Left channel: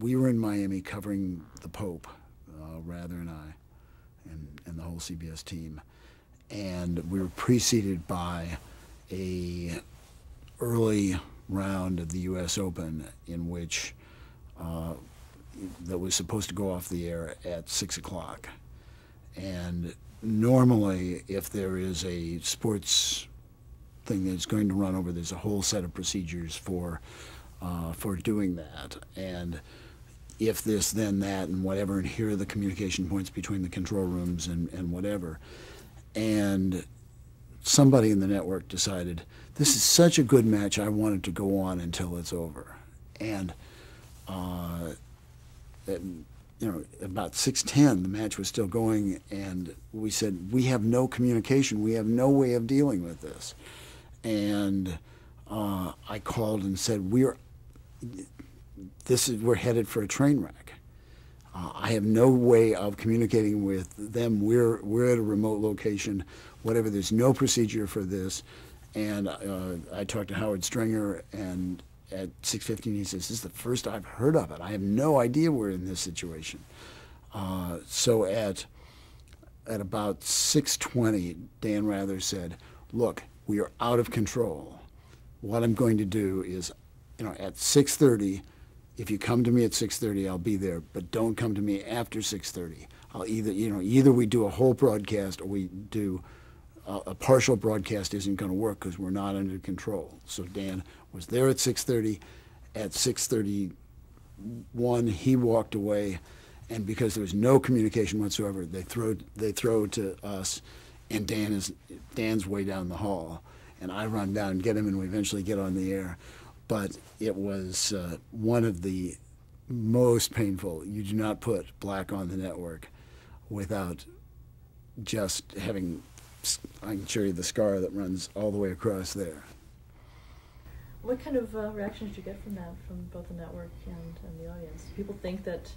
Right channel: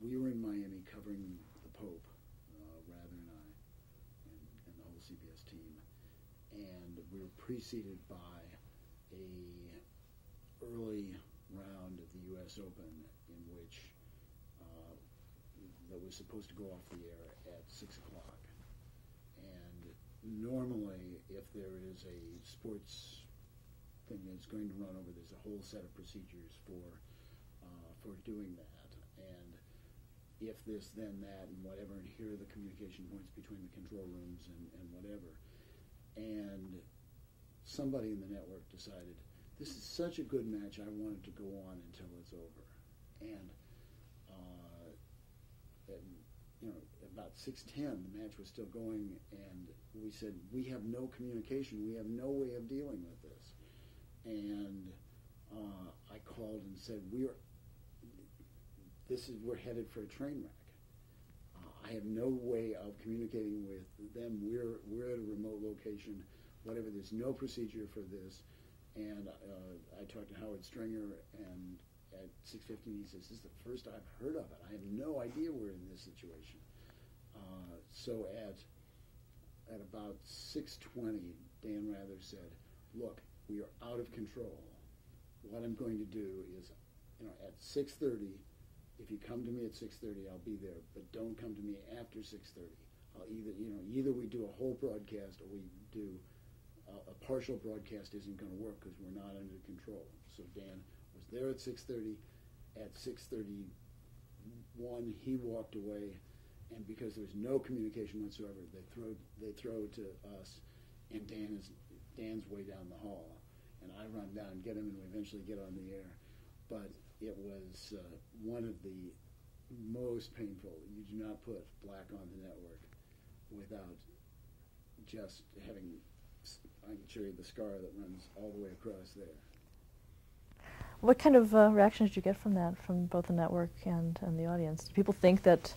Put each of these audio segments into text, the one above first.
we were in Miami covering the Pope, Rather and I, and the whole CBS team, and we were preceded by a early round of the U.S. Open in which that was supposed to go off the air at 6 o'clock. And normally, if there is a sports thing that's going to run over, there's a whole set of procedures for doing that. And if this, then that, and whatever, and here are the communication points between the control rooms and whatever. And somebody in the network decided, this is such a good match, I want it to go on until it's over. And about 6:10, the match was still going, and we said, we have no communication, we have no way of dealing with this. And I called and said, we're headed for a train wreck. I have no way of communicating with them. We're at a remote location, whatever. There's no procedure for this. And I talked to Howard Stringer, and at 6:15 he says, this is the first I've heard of it. I have no idea we're in this situation. So at about 6:20, Dan Rather said, look, we are out of control. What I'm going to do is, at 6:30, if you come to me at 6:30, I'll be there, but don't come to me after 6:30. I'll either we do a whole broadcast or we do a partial broadcast. Isn't going to work because we're not under control. So Dan was there at 6:30. At 6:31, he walked away, and because there was no communication whatsoever, they throw to us, and Dan's way down the hall, and I run down and get him, and we eventually get on the air. But it was one of the most painful. You do not put black on the network without just having, I can show you the scar that runs all the way across there. What kind of reactions did you get from that, from both the network and the audience? Did people think that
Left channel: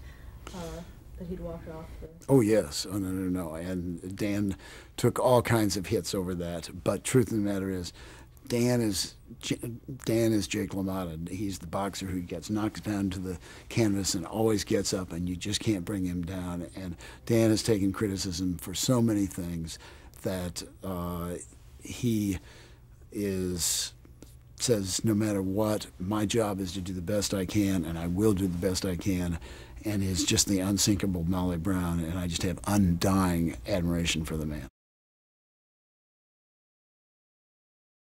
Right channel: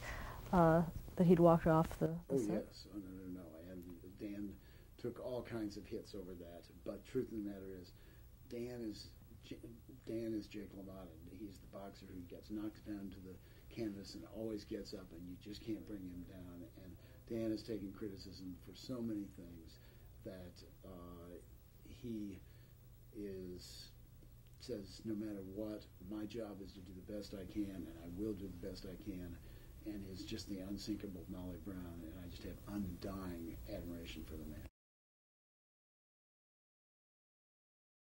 that he'd walked off the... Oh, yes. Oh, no. And Dan took all kinds of hits over that. But truth of the matter is, Dan is Jake LaMotta. He's the boxer who gets knocked down to the canvas and always gets up, and you just can't bring him down. And Dan has taken criticism for so many things that he says, no matter what, my job is to do the best I can, and I will do the best I can, and is just the unsinkable Molly Brown, and I just have undying admiration for the man.